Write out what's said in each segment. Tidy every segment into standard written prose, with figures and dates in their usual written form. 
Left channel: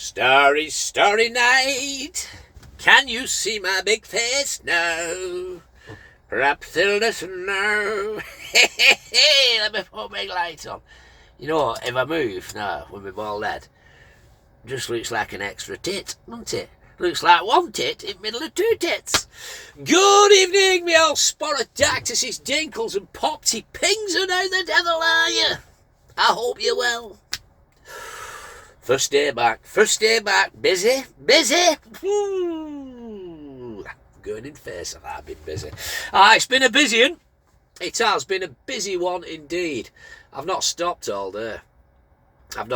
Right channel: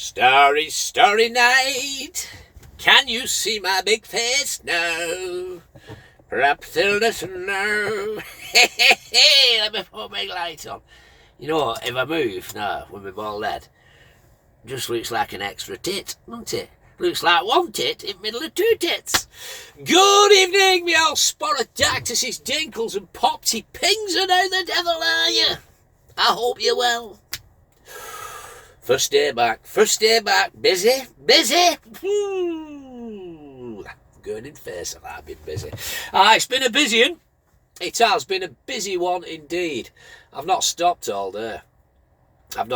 Starry, starry night. Can you see my big face now? Perhaps they'll listen now. Let me put my light on. You know, if I move now with my bald head, just looks like an extra tit, doesn't it? Looks like one tit in the middle of two tits. Good evening, me old sporadactysis, dinkles and popty pings, and how the devil are you? I hope you're well. First day back, busy. Going in face of I've been busy. It's been a busy one. It has been a busy one indeed. I've not stopped all day. I've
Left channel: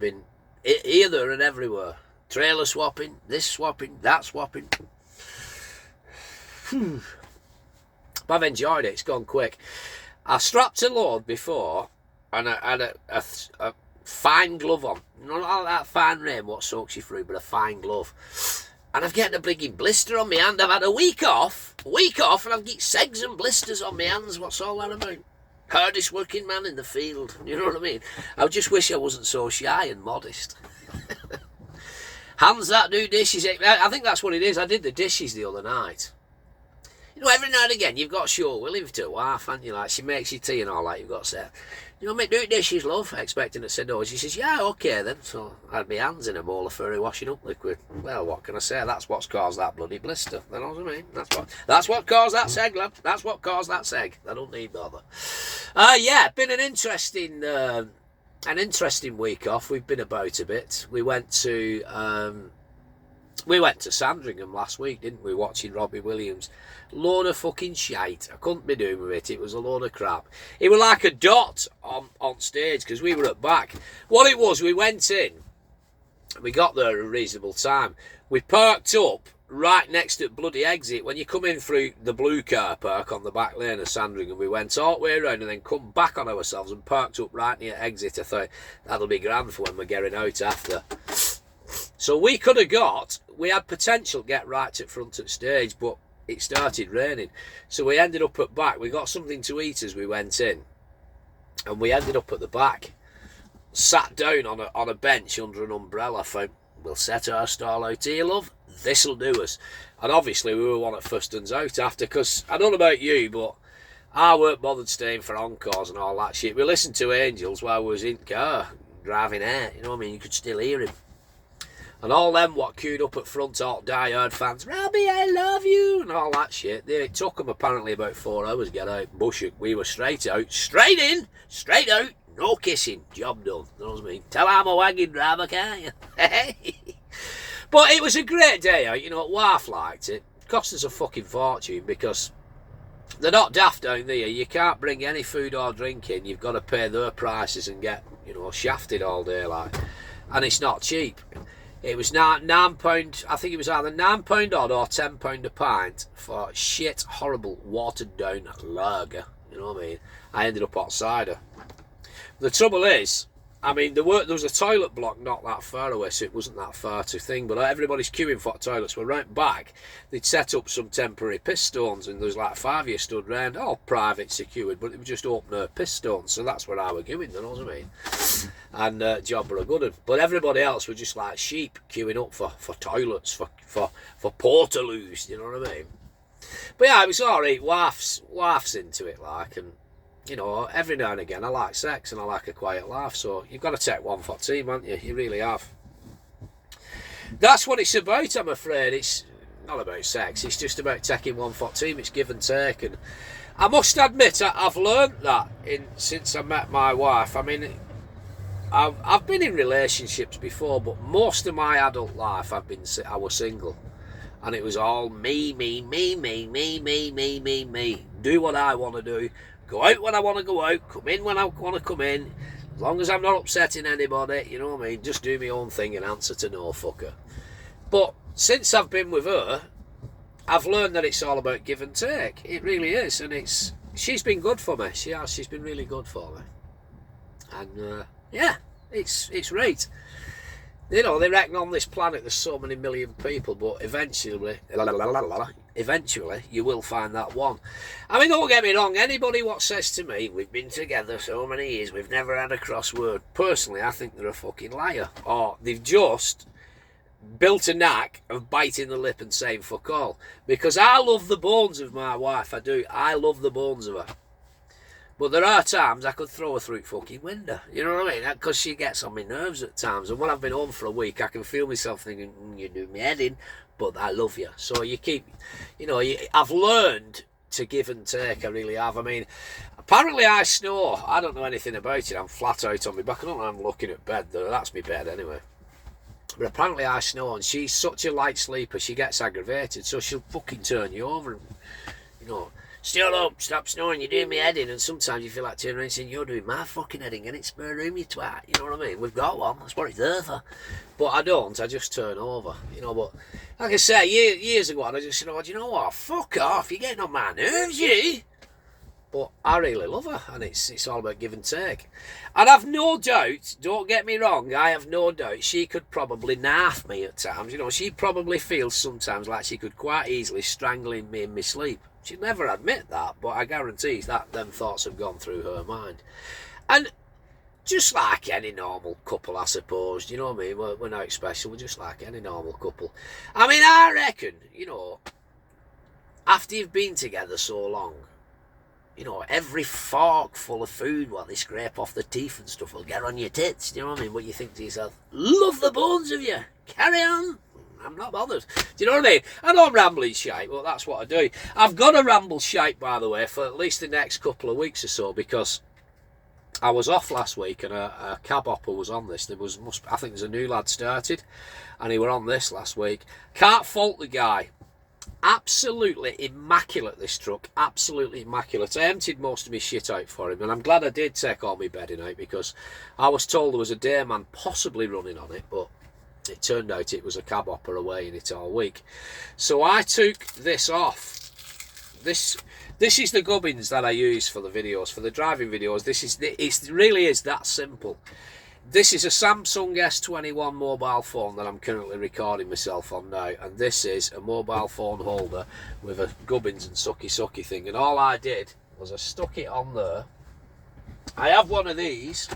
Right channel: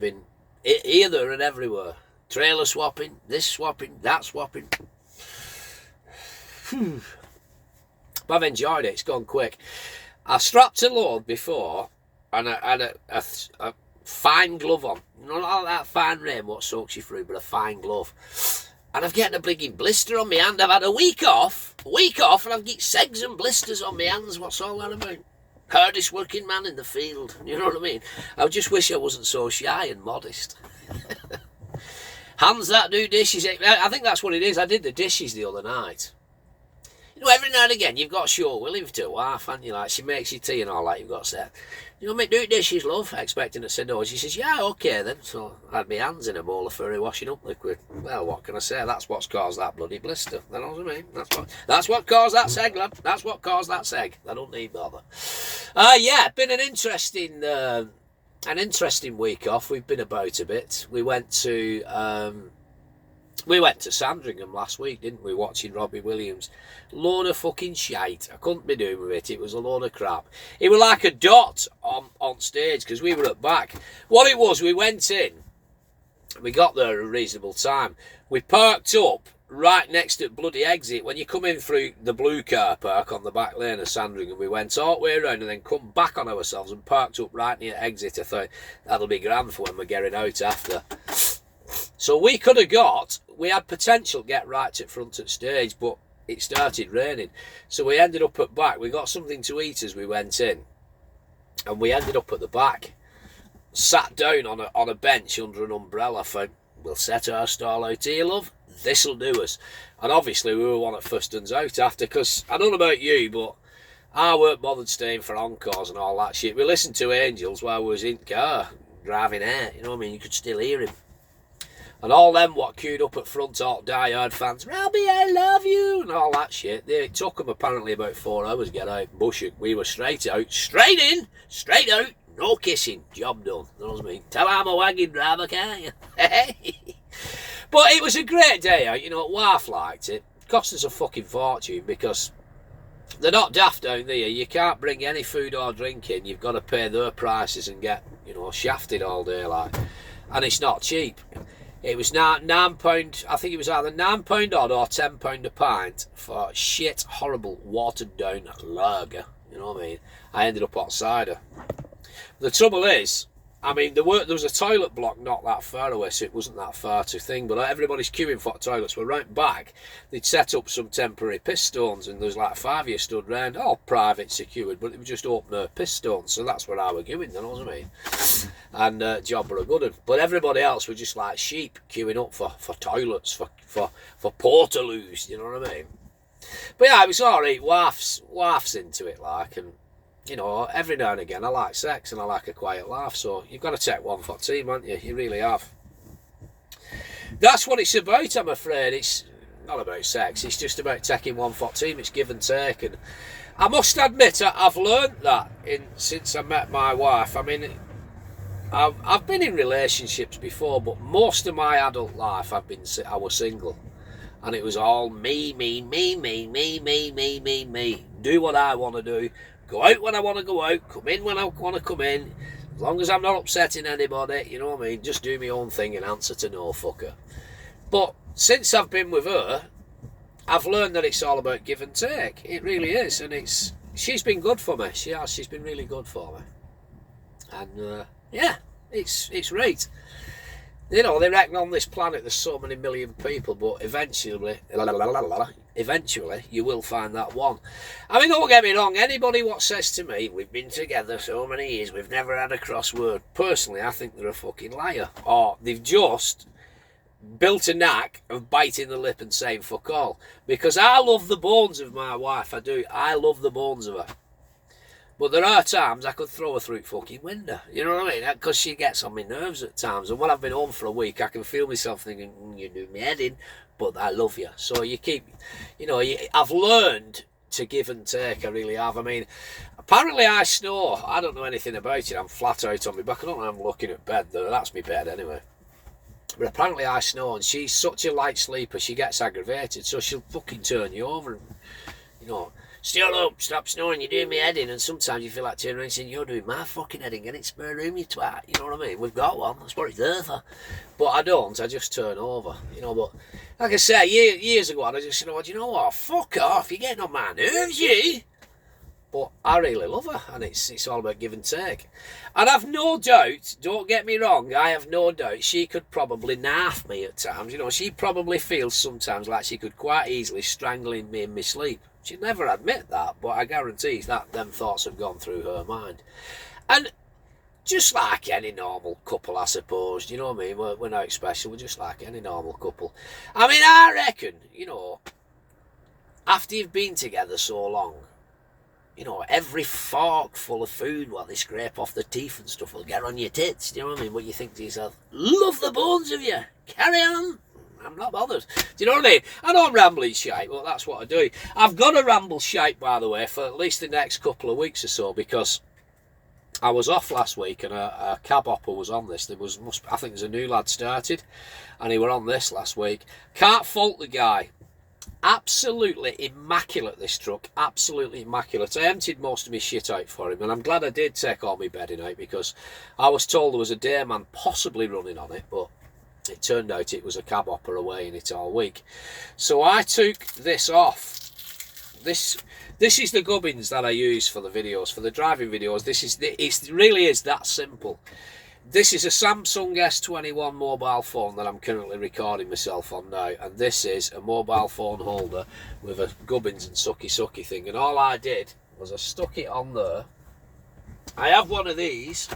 been here, there and everywhere. Trailer swapping, this swapping, that swapping. But I've enjoyed it, it's gone quick. I strapped a load before and I had a fine glove on. Not that fine rain what soaks you through, but a fine glove. And I've getting a bligging blister on my hand. I've had a week off, and I've got segs and blisters on my hands. What's all that about? Hardest working man in the field, you know what I mean? I just wish I wasn't so shy and modest. Hands that do dishes. I think that's what it is. I did the dishes the other night. You know, every now and again you've got to show willing to a wife, haven't you? Like, she makes you tea and all that, you've got to say, you know, mate, do dishes, love, expecting her to say no. She says, yeah, okay then. So I had my hands in a bowl of furry washing up liquid. Well, what can I say? That's what's caused that bloody blister. You know what I mean? That's what caused that seg, lad. That's what caused that seg. I don't need bother. Yeah, been an interesting week off. We've been about a bit. We went to Sandringham last week, didn't we? Watching Robbie Williams. Load of fucking shite. I couldn't be doing with it. It was a load of crap. It was like a dot on stage because we were at back. What it was, we went in. We got there at a reasonable time. We parked up right next to the bloody exit. When you come in through the blue car park on the back lane of Sandringham, we went all the way around and then come back on ourselves and parked up right near exit. I thought, that'll be grand for when we're getting out after. So we had potential to get right at front at stage, but it started raining. So we ended up at back. We got something to eat as we went in. And we ended up at the back. Sat down on a bench under an umbrella. Thought, we'll set our stall out here, love. This'll do us. And obviously we were one of the first ones out after, because I don't know about you, but I weren't bothered staying for encores and all that shit. We listened to Angels while we was in car, driving out. You know what I mean? You could still hear him. And all them what queued up at front, all die-hard fans, Robbie, I love you, and all that shit. It took them apparently about 4 hours to get out. Bushwick, we were straight out, straight in, straight out, no kissing, job done. You know what I mean? Tell I'm a wagon driver, can't you? But it was a great day out, you know, wife liked it. It cost us a fucking fortune because they're not daft down there. You can't bring any food or drink in. You've got to pay their prices and get, you know, shafted all day, like. And it's not cheap. It was £9, I think it was either £9 odd or £10 a pint for shit, horrible, watered down lager. You know what I mean? I ended up on cider. The trouble is, I mean, there was a toilet block not that far away, so it wasn't that far to thing, but everybody's queuing for toilets. We're right back. They'd set up some temporary piss stones, and there was like 5 of you stood round, all private, secured, but it was just open air piss stones, so that's where I were going, you know what I mean? And job were a good one. But everybody else were just like sheep queuing up for toilets, for portaloos, you know what I mean? But yeah, it was alright. Wife's into it, like, and you know, every now and again I like sex and I like a quiet laugh, so you've got to take one for the team, haven't you? You really have. That's what it's about, I'm afraid. It's not about sex, it's just about taking one for the team. It's give and take, and I must admit I've learned that since I met my wife. I mean, I've been in relationships before, but most of my adult life I was single, and it was all me. Do what I want to do, go out when I want to go out, come in when I want to come in, as long as I'm not upsetting anybody, you know what I mean, just do my own thing and answer to no fucker. But since I've been with her, I've learned that it's all about give and take. It really is, and she's been good for me. She's been really good for me. And yeah, it's right. You know, they reckon on this planet there's so many million people, but eventually you will find that one. I mean, don't get me wrong, anybody what says to me, we've been together so many years, we've never had a crossword, personally, I think they're a fucking liar. Or they've just built a knack of biting the lip and saying fuck all. Because I love the bones of my wife, I do. I love the bones of her. But there are times I could throw her through the fucking window. You know what I mean? Because she gets on my nerves at times. And when I've been home for a week, I can feel myself thinking, you do me head in, but I love you. So you keep, you know, I've learned to give and take. I really have. I mean, apparently I snore. I don't know anything about it. I'm flat out on my back. I don't know, I'm looking at bed. That's my bed anyway. But apparently I snore, and she's such a light sleeper, she gets aggravated. So she'll fucking turn you over and, you know, still up, stop snoring, you're doing me head in. And sometimes you feel like turning around and saying, you're doing my fucking head in, get it spare room, you twat. You know what I mean? We've got one, that's what it's there for. But I don't, I just turn over, you know. But like I say, years ago, I just said, oh, do you know what? Fuck off, you're getting on my nerves, you. But I really love her, and it's all about give and take. And I've no doubt, don't get me wrong, I have no doubt she could probably narf me at times. You know, she probably feels sometimes like she could quite easily strangle me in my sleep. She'd never admit that, but I guarantee that them thoughts have gone through her mind. And just like any normal couple, I suppose, you know what I mean? We're not special, we're just like any normal couple. I mean, I reckon, you know, after you've been together so long, you know, every fork full of food while they scrape off the teeth and stuff will get on your tits, do you know what I mean? But you think to yourself, love the bones of you, carry on. I'm not bothered. Do you know what I mean? I know I'm rambling shite, but that's what I do. I've got to ramble shite, by the way, for at least the next couple of weeks or so, because I was off last week and a cab hopper was on this. I think there's a new lad started, and he were on this last week. Can't fault the guy. Absolutely immaculate, this truck. Absolutely immaculate. I emptied most of my shit out for him, and I'm glad I did take all my bedding out, because I was told there was a dayman possibly running on it, but it turned out it was a cab hopper away in it all week. So I took this off. This is the gubbins that I use for the videos, for the driving videos. It really is that simple. This is a Samsung S21 mobile phone that I'm currently recording myself on now, and this is a mobile phone holder with a gubbins and sucky thing. And all I did was I stuck it on there. I have one of these.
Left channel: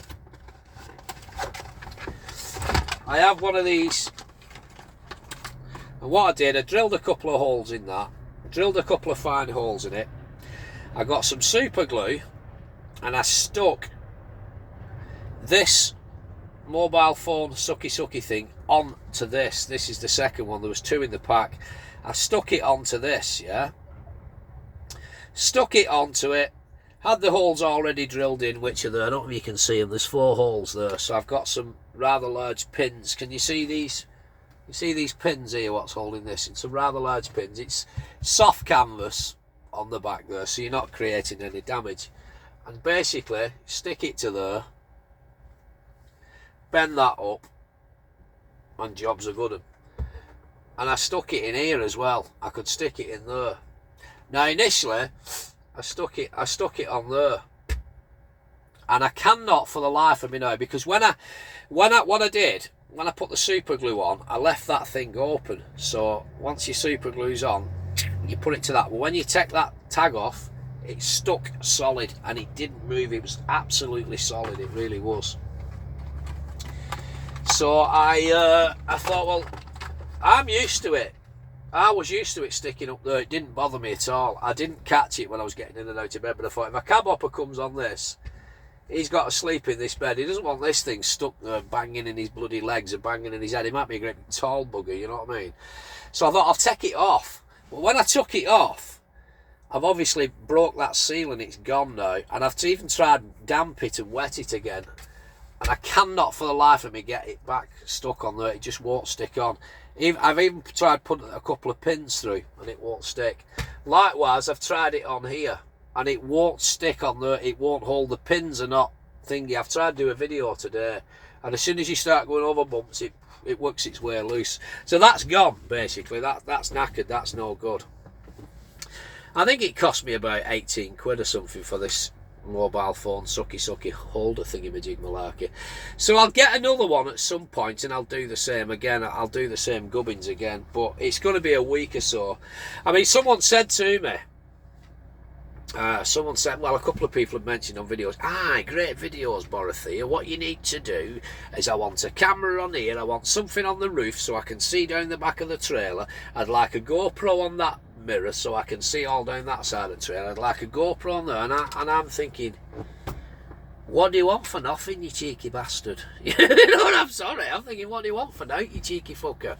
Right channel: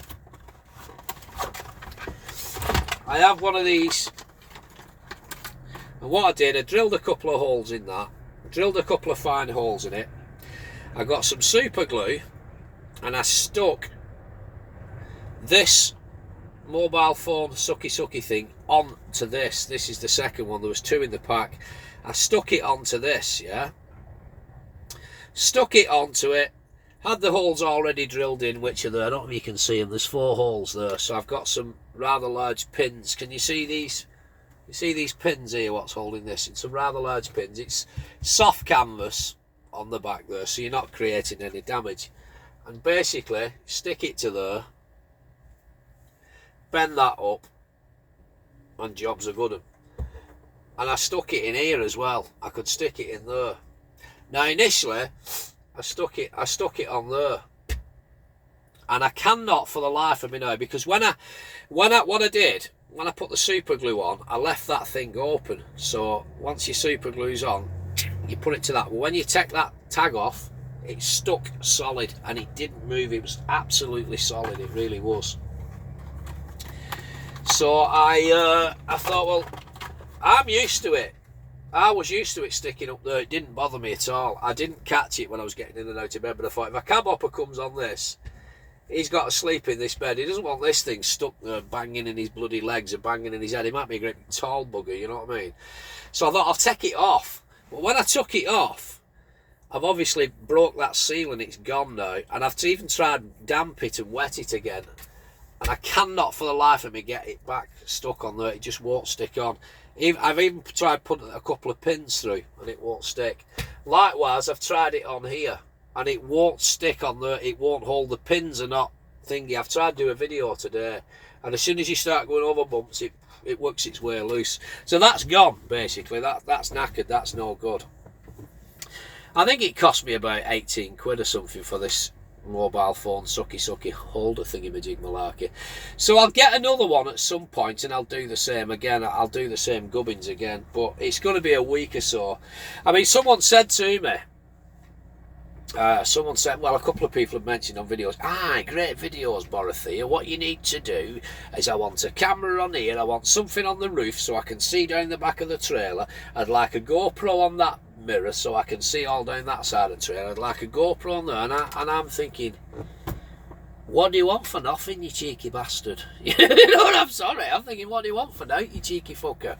And what I did, I drilled a couple of holes in that, drilled a couple of fine holes in it. I got some super glue, and I stuck this mobile phone sucky thing onto this. This is the second one. There was two in the pack. I stuck it onto this, yeah. Stuck it onto it. Had the holes already drilled in, which are there. I don't know if you can see them. There's 4 holes there. So I've got some rather large pins. Can you see these? You see these pins here, what's holding this? It's some rather large pins. It's soft canvas on the back there, so you're not creating any damage. And basically, stick it to there, bend that up, and jobs are good. And I stuck it in here as well. I could stick it in there. Now initially, I stuck it on there, and I cannot for the life of me now, because when I put the super glue on, I left that thing open. So once your super glue's on, you put it to that. But when you take that tag off, it stuck solid and it didn't move. It was absolutely solid. It really was. So I thought, well, I'm used to it. I was used to it sticking up there. It didn't bother me at all. I didn't catch it when I was getting in and out of bed, but I thought, if a cab hopper comes on this, he's got to sleep in this bed. He doesn't want this thing stuck there banging in his bloody legs and banging in his head. He might be a great tall bugger, you know what I mean? So I thought, I'll take it off. But when I took it off, I've obviously broke that seal and it's gone now. And I've even tried damp it and wet it again. And I cannot for the life of me get it back stuck on there. It just won't stick on. I've even tried putting a couple of pins through and it won't stick. Likewise, I've tried it on here and it won't stick on there. It won't hold. The pins are not thingy. I've tried to do a video today, and as soon as you start going over bumps, it works its way loose. So that's gone, basically. That's knackered. That's no good. I think it cost me about 18 quid or something for this mobile phone sucky holder thingy-majig malarkey. So I'll get another one at some point and I'll do the same again. I'll do the same gubbins again, but it's going to be a week or so. I mean, someone said to me, well, a couple of people have mentioned on videos, great videos, Borothea. What you need to do is I want a camera on here, I want something on the roof so I can see down the back of the trailer. I'd like a GoPro on that mirror so I can see all down that side of the trailer. I'd like a GoPro on there, and I'm thinking, what do you want for nothing, you cheeky bastard? You know what, I'm sorry, I'm thinking, what do you want for now, you cheeky fucker?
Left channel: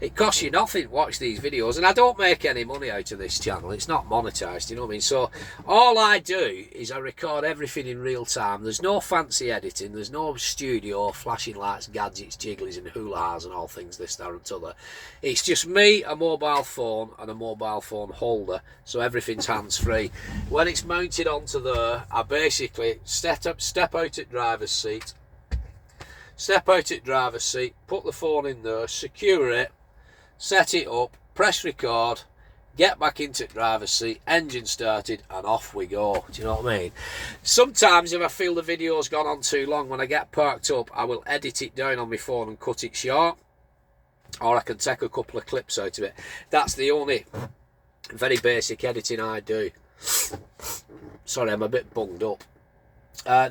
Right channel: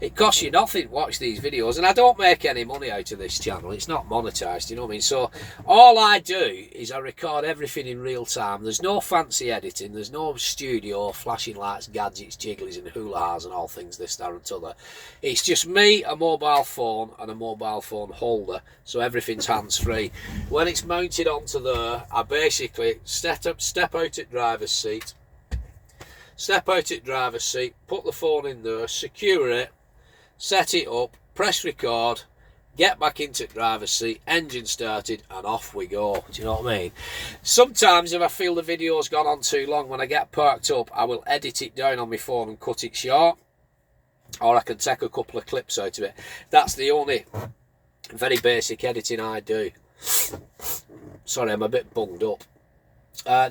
It costs you nothing to watch these videos, and I don't make any money out of this channel. It's not monetized, you know what I mean? So all I do is I record everything in real time. There's no fancy editing, there's no studio, flashing lights, gadgets, jigglies and hula-ha's and all things this, that and t'other. It's just me, a mobile phone and a mobile phone holder, so everything's hands-free. When it's mounted onto there, I basically step out at driver's seat, put the phone in there, secure it, set it up, press record, get back into the driver's seat, engine started, and off we go. Do you know what I mean? Sometimes if I feel the video's gone on too long, when I get parked up, I will edit it down on my phone and cut it short, or I can take a couple of clips out of it. That's the only very basic editing I do. Sorry, I'm a bit bunged up.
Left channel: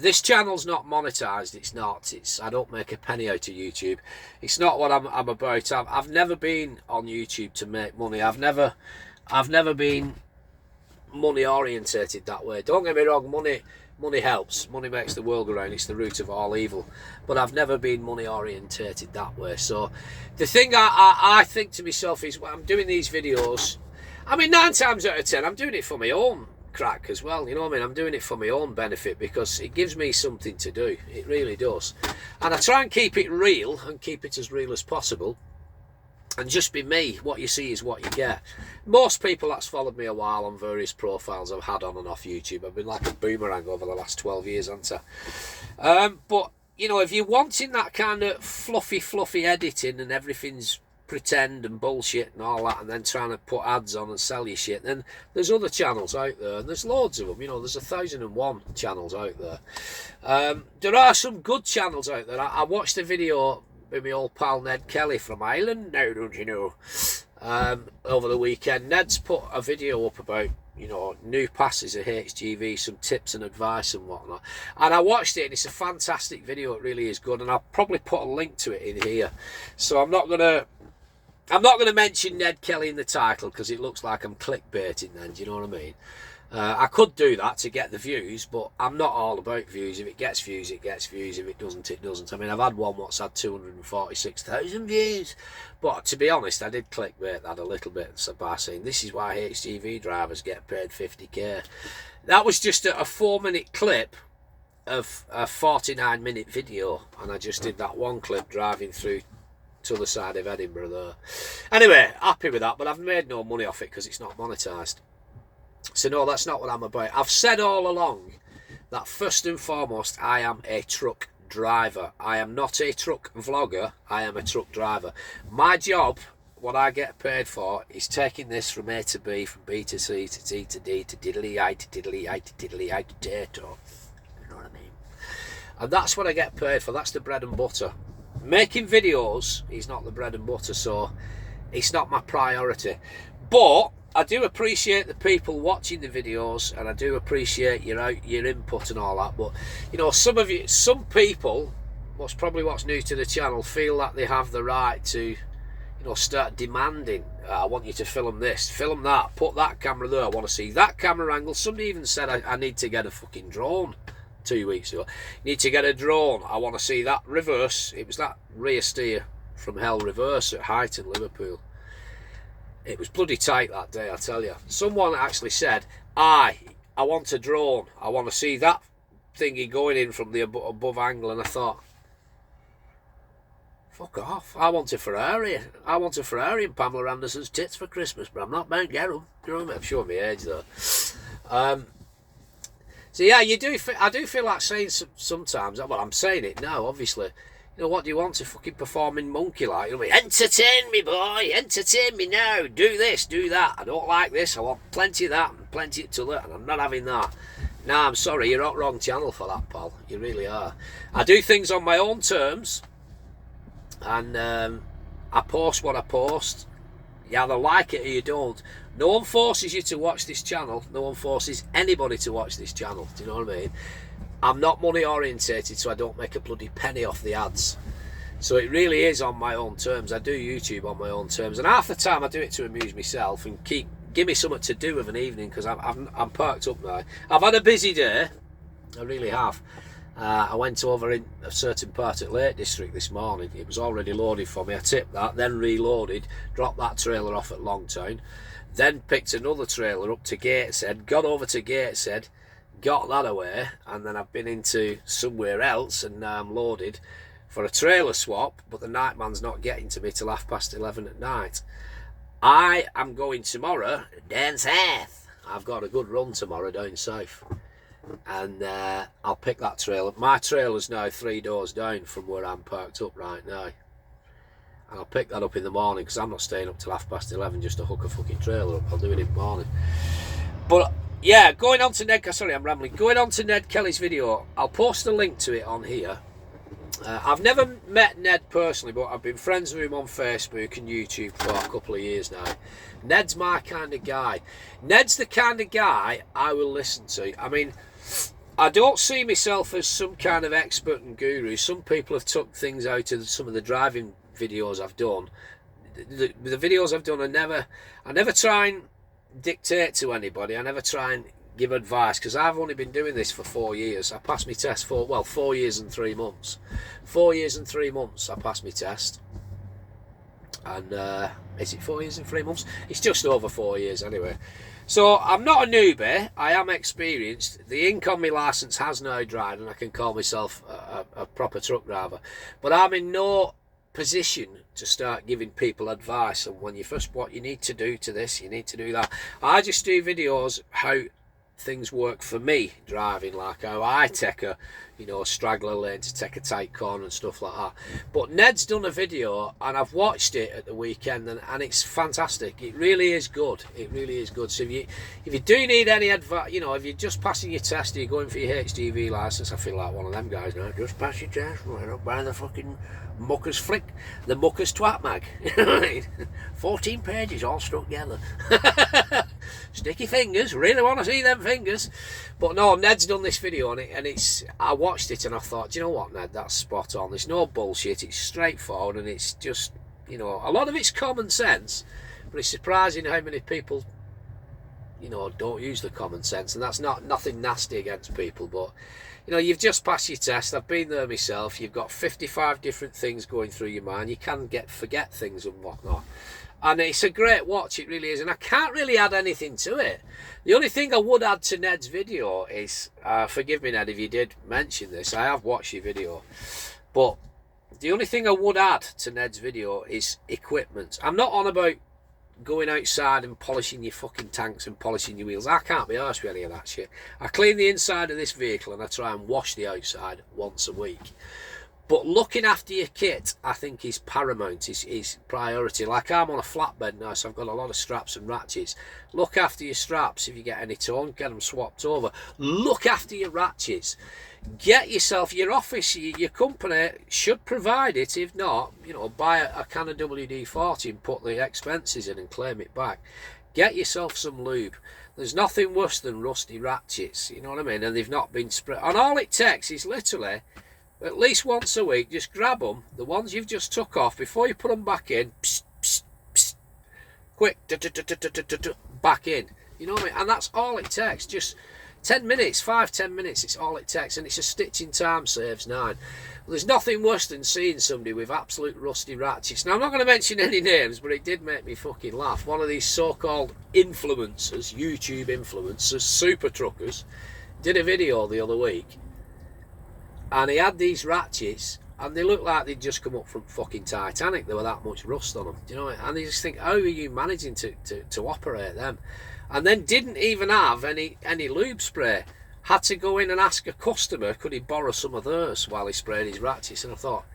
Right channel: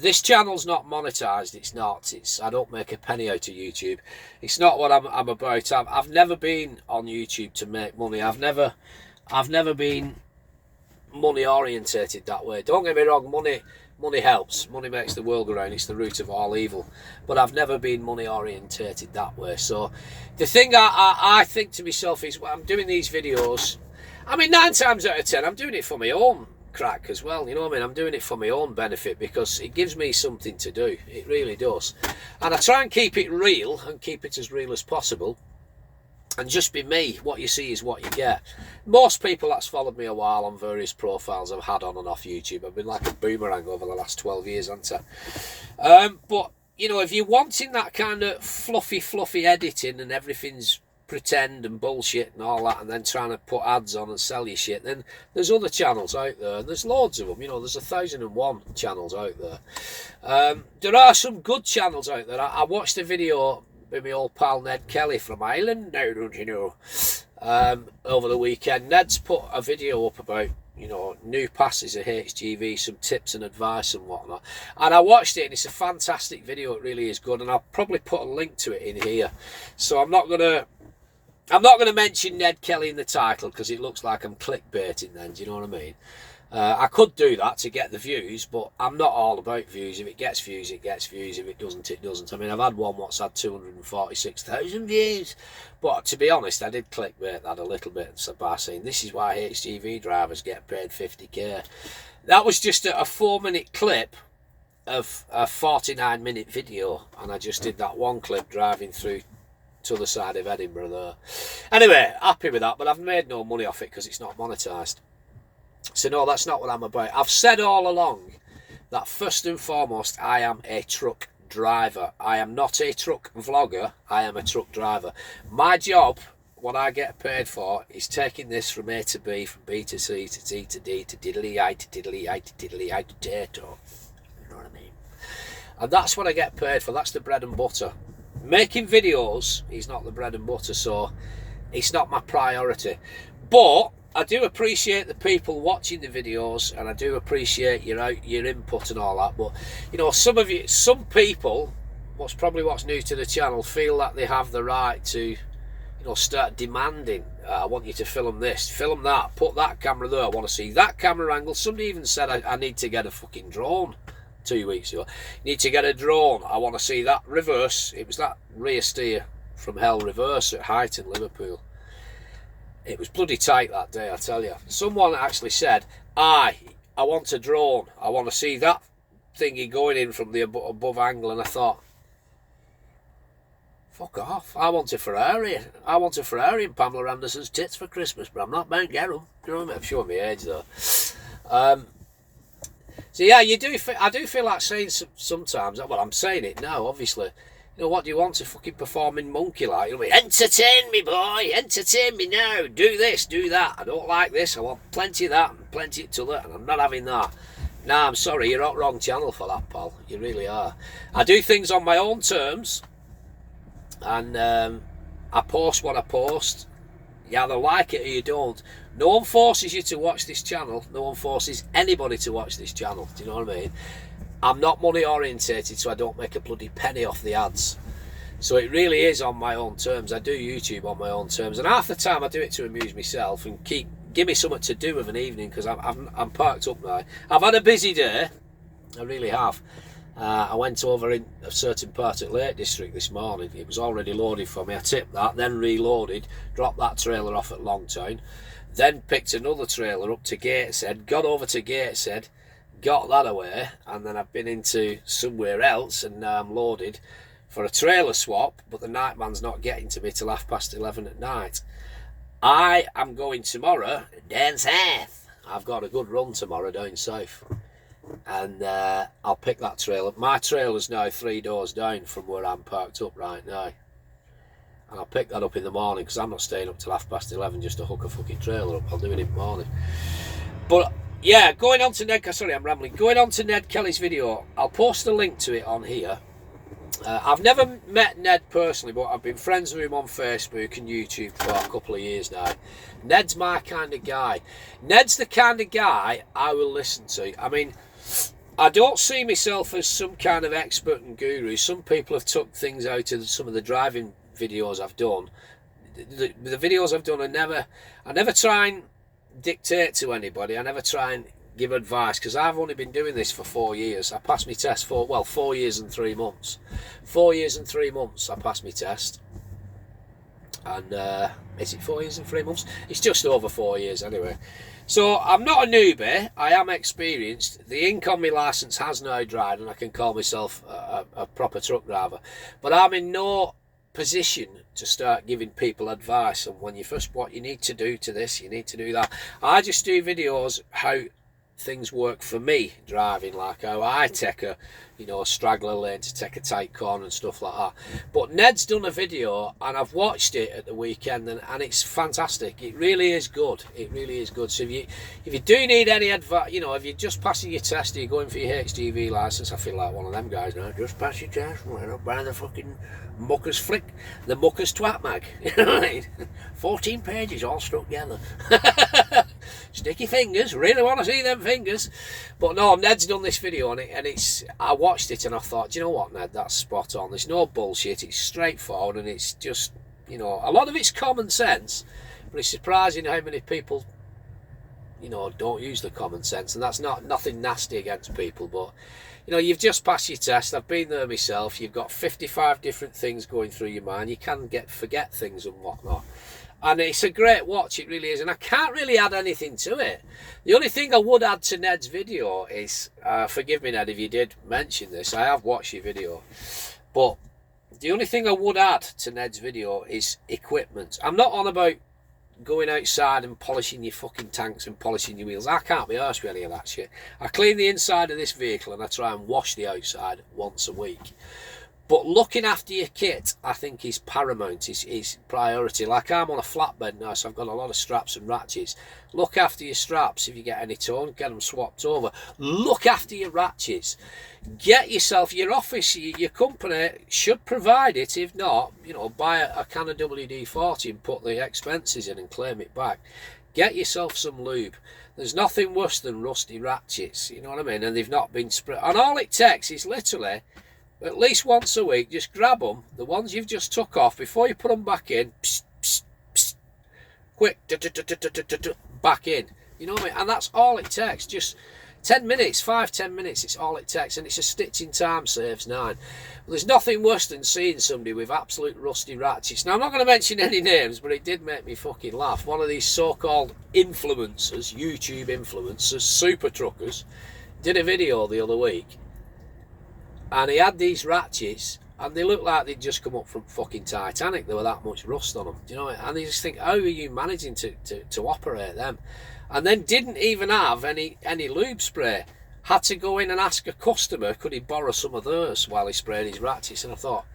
This channel's not monetized. It's not. I don't make a penny out of YouTube. It's not what I'm about. I've never been on YouTube to make money. I've never been money orientated that way. Don't get me wrong. Money helps. Money makes the world go round. It's the root of all evil. But I've never been money orientated that way. So the thing I think to myself is, when I'm doing these videos, I mean, 9 times out of 10, I'm doing it for my own crack as well, you know what I mean? I'm doing it for my own benefit because it gives me something to do. It really does. And I try and keep it real and keep it as real as possible and just be me. What you see is what you get. Most people that's followed me a while on various profiles I've had on and off YouTube, I've been like a boomerang over the last 12 years, haven't I? But you know, if you're wanting that kind of fluffy editing and everything's pretend and bullshit and all that, and then trying to put ads on and sell you shit, then there's other channels out there, and there's loads of them. You know, there's 1,001 channels out there. There are some good channels out there. I watched a video with my old pal Ned Kelly from Ireland now, don't you know, over the weekend. Ned's put a video up about, you know, new passes at HGV, some tips and advice and whatnot, and I watched it, and it's a fantastic video. It really is good, and I'll probably put a link to it in here. So I'm not gonna mention Ned Kelly in the title because it looks like I'm clickbaiting then, do you know what I mean? I could do that to get the views, but I'm not all about views. If it gets views, it gets views. If it doesn't, it doesn't. I mean, I've had one what's had 246,000 views. But to be honest, I did clickbait that a little bit by saying, this is why HGV drivers get paid 50k. That was just a 4-minute clip of a 49-minute video. And I just did that one clip driving through to the side of Edinburgh there. Anyway, happy with that, but I've made no money off it because it's not monetized. So no, that's not what I'm about. I've said all along that first and foremost, I am a truck driver. I am not a truck vlogger. I am a truck driver. My job, what I get paid for, is taking this from A to B, from B to C to T to D to diddly-I to diddly-I to diddly-I to tato. You know what I mean? And that's what I get paid for. That's the bread and butter. Making videos is not the bread and butter, so it's not my priority. But I do appreciate the people watching the videos, and I do appreciate your input and all that. But you know, some people, what's new to the channel, feel that they have the right to, you know, start demanding. I want you to film this, film that, put that camera there. I want to see that camera angle. Somebody even said I need to get a fucking drone. 2 weeks ago. You need to get a drone. I want to see that reverse. It was that rear steer from hell reverse at Height in Liverpool. It was bloody tight that day, I tell you. Someone actually said, I want a drone. I want to see that thingy going in from the above angle. And I thought, fuck off. I want a Ferrari. I want a Ferrari and Pamela Anderson's tits for Christmas, but I'm not Mount Gerum. You know what I mean? I'm showing my age though. So yeah, I do feel like saying sometimes, well, I'm saying it now, obviously, you know, what do you want, a fucking performing monkey like? You know, entertain me, boy, entertain me now, do this, do that, I don't like this, I want plenty of that and plenty of t'other, and I'm not having that. Nah, I'm sorry, you're on wrong channel for that, pal. You really are. I do things on my own terms, and I post what I post. You either like it or you don't. No one forces you to watch this channel. No one forces anybody to watch this channel. Do you know what I mean? I'm not money orientated, so I don't make a bloody penny off the ads. So it really is on my own terms. I do YouTube on my own terms, and half the time I do it to amuse myself and give me something to do of an evening, because I'm parked up now. I've had a busy day. I really have. I went over in a certain part at Lake District this morning. It was already loaded for me. I tipped that, then reloaded, dropped that trailer off at Longtown, then picked another trailer up to Gateshead, got over to Gateshead, got that away, and then I've been into somewhere else, and now I'm loaded for a trailer swap, but the night man's not getting to me till 11:30 at night. I am going tomorrow down south. I've got a good run tomorrow down south, and I'll pick that trailer. My trailer's now 3 doors down from where I'm parked up right now, and I'll pick that up in the morning, because I'm not staying up till 11:30 just to hook a fucking trailer up. I'll do it in the morning. But yeah, going on to Ned, sorry I'm rambling, going on to Ned Kelly's video, I'll post a link to it on here. I've never met Ned personally, but I've been friends with him on Facebook and YouTube for a couple of years now. Ned's my kind of guy. Ned's the kind of guy I will listen to. I mean, I don't see myself as some kind of expert and guru. Some people have took things out of some of the driving videos I've done. The videos I've done, I never try and dictate to anybody. I never try and give advice, because I've only been doing this for 4 years. I passed my test for 4 years and 3 months. 4 years and 3 months I passed my test, and is it 4 years and 3 months? It's just over 4 years anyway. So I'm not a newbie, I am experienced. The ink on my licence has now dried, and I can call myself a proper truck driver, but I'm in no position to start giving people advice on what you need to do to this, you need to do that. I just do videos how things work for me driving, like how I take a straggler lane to take a tight corner and stuff like that. But Ned's done a video, and I've watched it at the weekend, and it's fantastic. It really is good. It really is good. So if you do need any advice, if you're just passing your test, or you're going for your HGV licence, I feel like one of them guys now. Just pass your test, don't buy the fucking muckers flick, the muckers twat mag. 14 pages all stuck together. Sticky fingers, really want to see them fingers. But no, Ned's done this video on it, and I watched it and I thought, do you know what, Ned, that's spot on. There's no bullshit, it's straightforward, and it's just, a lot of it's common sense, but it's surprising how many people, don't use the common sense. And that's nothing nasty against people, but you've just passed your test. I've been there myself. You've got 55 different things going through your mind. You can forget things and whatnot. And it's a great watch, it really is. And I can't really add anything to it. The only thing I would add to Ned's video is, forgive me, Ned, if you did mention this, I have watched your video, but the only thing I would add to Ned's video is equipment. I'm not on about going outside and polishing your fucking tanks and polishing your wheels. I can't be arsed with any of that shit. I clean the inside of this vehicle and I try and wash the outside once a week. But looking after your kit, I think, is paramount, is priority. Like, I'm on a flatbed now, so I've got a lot of straps and ratchets. Look after your straps. If you get any torn, get them swapped over. Look after your ratchets. Get yourself, your office, your company should provide it. If not, buy a can of WD-40 and put the expenses in and claim it back. Get yourself some lube. There's nothing worse than rusty ratchets, you know what I mean? And they've not been sprayed. And all it takes is literally, at least once a week, just grab them, the ones you've just took off, before you put them back in, psst, psst, psst, quick, back in. You know what I mean? And that's all it takes. Just 10 minutes, 5-10 minutes, it's all it takes. And it's a stitching time saves 9. Well, there's nothing worse than seeing somebody with absolute rusty ratchets. Now, I'm not going to mention any names, but it did make me fucking laugh. One of these so-called influencers, YouTube influencers, super truckers, did a video the other week. And he had these ratchets, and they looked like they'd just come up from fucking Titanic. There were that much rust on them. Do you know? And you just think, how are you managing to operate them? And then didn't even have any lube spray. Had to go in and ask a customer, could he borrow some of theirs while he sprayed his ratchets. And I thought,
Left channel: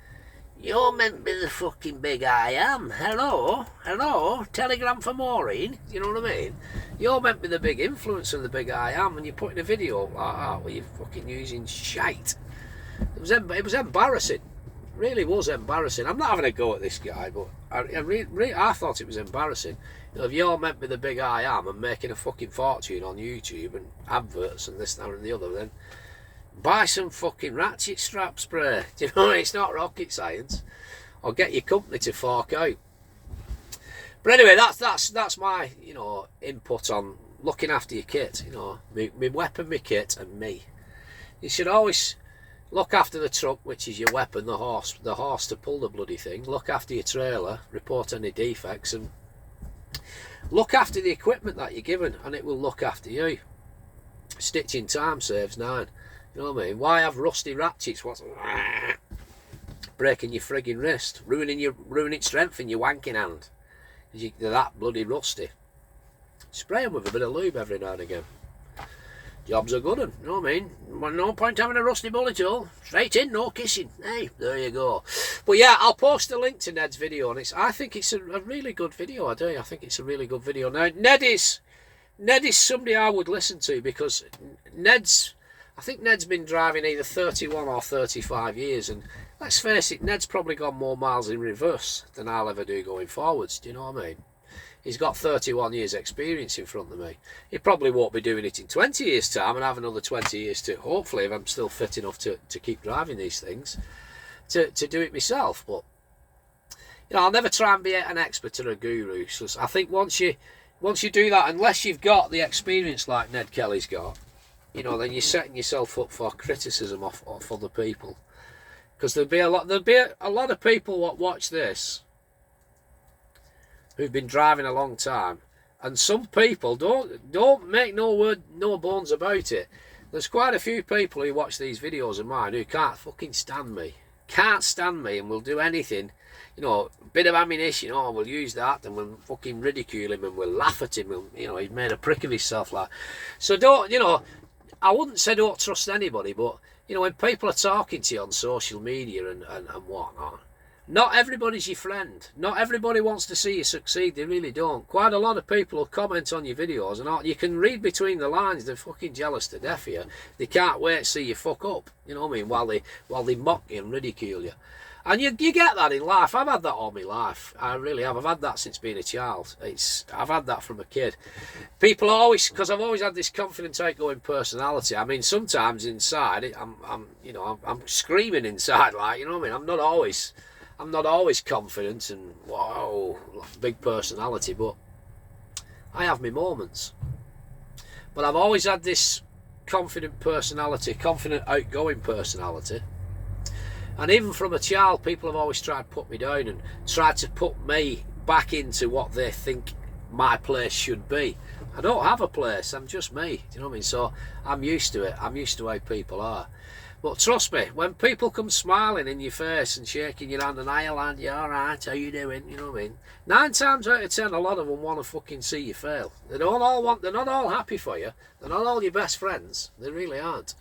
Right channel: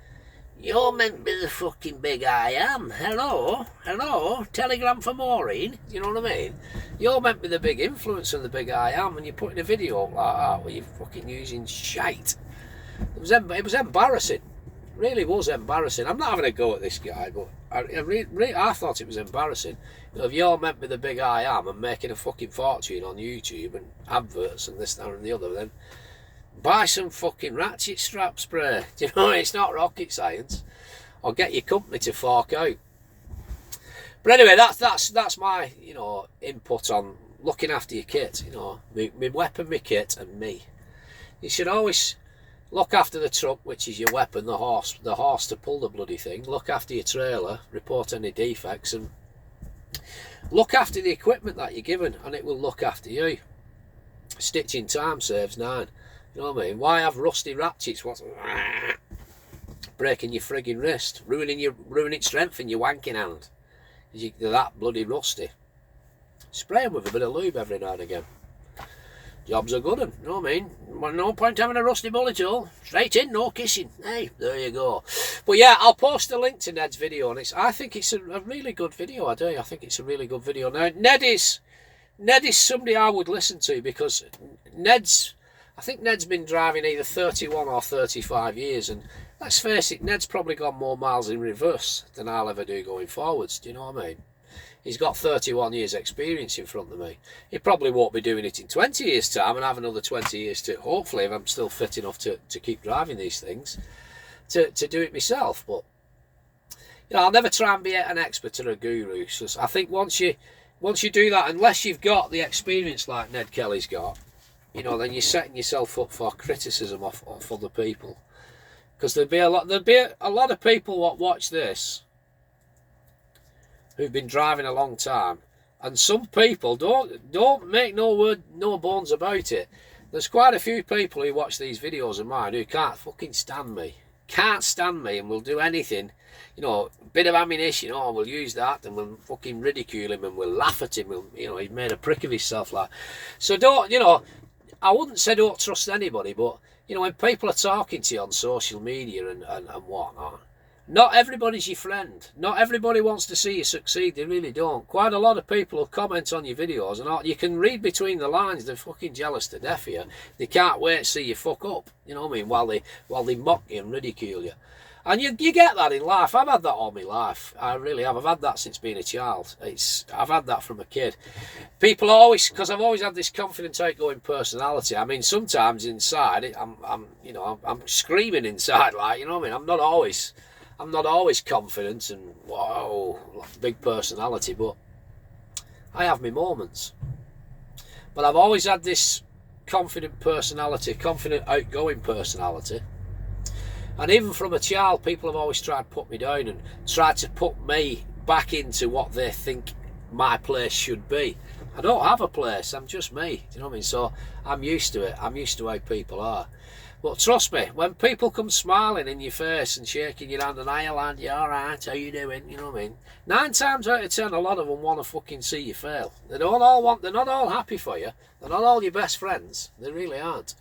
You're meant to be the fucking big I am. Hello? Hello? Telegram for Maureen? You know what I mean? You're meant to be the big influencer and the big I am, and you're putting a video up like that where you're fucking using shite. It was embarrassing. It really was embarrassing. I'm not having a go at this guy, but I thought it was embarrassing. You know, if you're meant to be the big I am and making a fucking fortune on YouTube and adverts and this, that and the other, then buy some fucking ratchet strap spray. Do you know, it's not rocket science. Or get your company to fork out. But anyway, that's my, you know, input on looking after your kit. You know, my weapon, my kit, and me. You should always look after the truck, which is your weapon, the horse to pull the bloody thing. Look after your trailer, report any defects, and look after the equipment that you're given, and it will look after you. Stitching time saves 9. You know what I mean? Why have rusty ratchets? What's breaking your frigging wrist, ruining strength in your wanking hand? They're that bloody rusty. Spray them with a bit of lube every now and again. Jobs are good, you know what I mean? No point having a rusty bullet hole. Straight in, no kissing. Hey, there you go. But yeah, I'll post a link to Ned's video, and I think it's a really good video. I do. I think it's a really good video. Now, Ned is somebody I would listen to, because I think Ned's been driving either 31 or 35 years, and let's face it, Ned's probably got more miles in reverse than I'll ever do going forwards. Do you know what I mean? He's got 31 years experience in front of me. He probably won't be doing it in 20 years time and have another 20 years to, hopefully, if I'm still fit enough to keep driving these things, to do it myself. But, you know, I'll never try and be an expert or a guru. So I think once you do that, unless you've got the experience like Ned Kelly's got, you know, then you're setting yourself up for criticism off other people. Because there'll be a lot of people what watch this who've been driving a long time, and some people don't make no bones about it. There's quite a few people who watch these videos of mine who can't fucking stand me, and will do anything, you know, a bit of ammunition, oh, we'll use that, and we'll fucking ridicule him, and we'll laugh at him, you know, he's made a prick of himself, like. So don't, you know, I wouldn't say don't trust anybody, but, you know, when people are talking to you on social media and whatnot, not everybody's your friend. Not everybody wants to see you succeed. They really don't. Quite a lot of people will comment on your videos, and you can read between the lines. They're fucking jealous to death of you. They can't wait to see you fuck up. You know what I mean? While they mock you and ridicule you. And you get that in life. I've had that all my life. I really have. I've had that since being a child. I've had that from a kid. People always, because I've always had this confident, outgoing personality. I mean, sometimes inside, I'm screaming inside, like, you know what I mean? I'm not always confident and wow, big personality, but I have my moments. But I've always had this confident personality, confident, outgoing personality. And even from a child, people have always tried to put me down and tried to put me back into what they think my place should be. I don't have a place, I'm just me, do you know what I mean? So I'm used to it, I'm used to how people are. But trust me, when people come smiling in your face and shaking your hand and "Hiya lad, you alright, how you doing?" You know what I mean? 9 times out of 10, a lot of them want to fucking see you fail. They're not all happy for you. They're not all your best friends. They really aren't.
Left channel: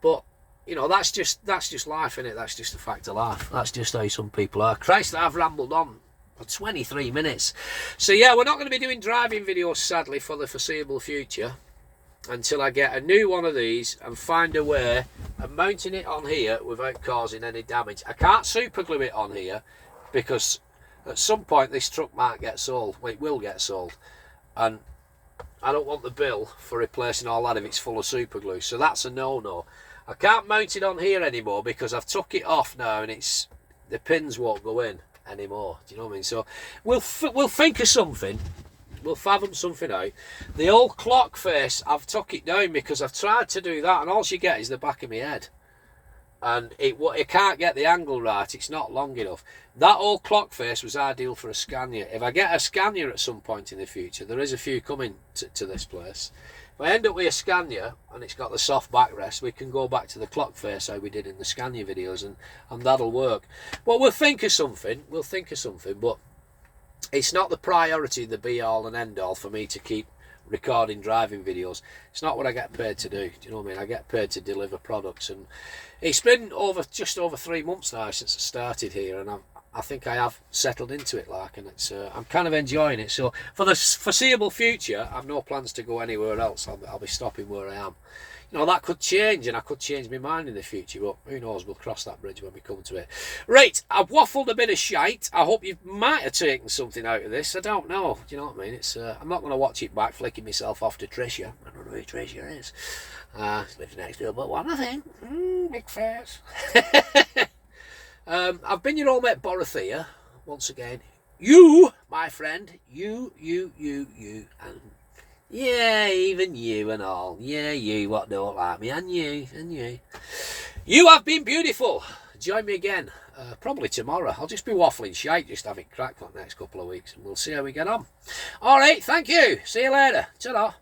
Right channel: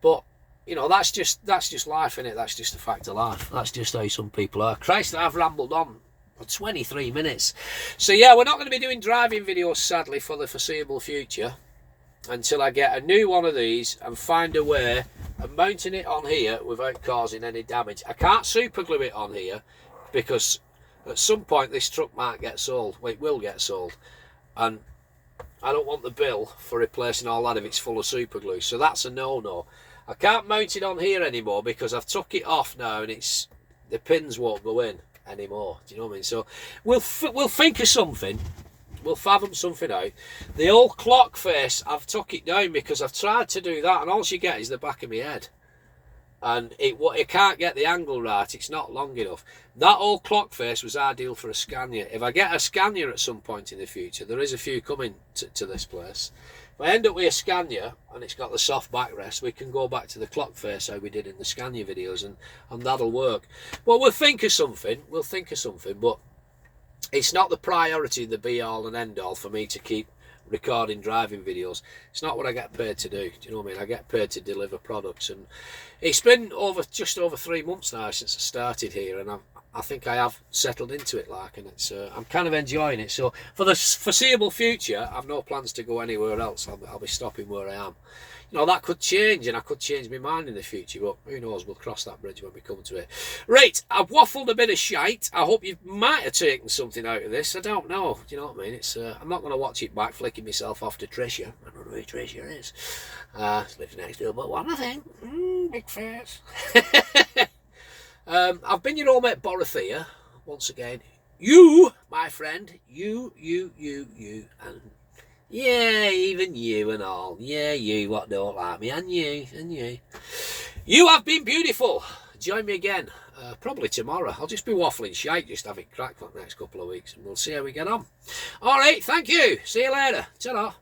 But, you know, that's just life, innit? That's just a fact of life. That's just how some people are. Christ, I've rambled on for 23 minutes. So yeah, we're not going to be doing driving videos, sadly, for the foreseeable future, until I get a new one of these and find a way of mounting it on here without causing any damage. I can't super glue it on here because at some point this truck might get sold. Well, it will get sold, and I don't want the bill for replacing all that if it's full of super glue. So that's a no-no. I can't mount it on here anymore because I've took it off now, and the pins won't go in anymore. Do you know what I mean? So we'll think of something. We'll fathom something out. The old clock face, I've took it down because I've tried to do that, and all you get is the back of my head, and it can't get the angle right. It's not long enough. That old clock face was ideal for a Scania. If I get a Scania at some point in the future, there is a few coming to this place. If I end up with a Scania and it's got the soft backrest, we can go back to the clock face how we did in the Scania videos, and that'll work. But we'll think of something. But it's not the priority, the be all and end all for me to keep recording driving videos. It's not what I get paid to do. Do you know what I mean? I get paid to deliver products, and it's been just over 3 months now since I started here, and I think I have settled into it, like, and it's I'm kind of enjoying it. So for the foreseeable future, I've no plans to go anywhere else. I'll be stopping where I am. You know, that could change, and I could change my mind in the future, but who knows, we'll cross that bridge when we come to it. Right, I've waffled a bit of shite. I hope you might have taken something out of this. I don't know, do you know what I mean? It's I'm not going to watch it back, flicking myself off to Tricia. I don't know who Tricia is. Lives next door, but one, I think. Big face. I've been your old mate Borothea, once again. You, my friend, you, and yeah, even you and all. Yeah, you what don't like me, and you. You have been beautiful. Join me again, probably tomorrow. I'll just be waffling shite, just having crack for the next couple of weeks, and we'll see how we get on. All right, thank you. See you later. Ta-ra.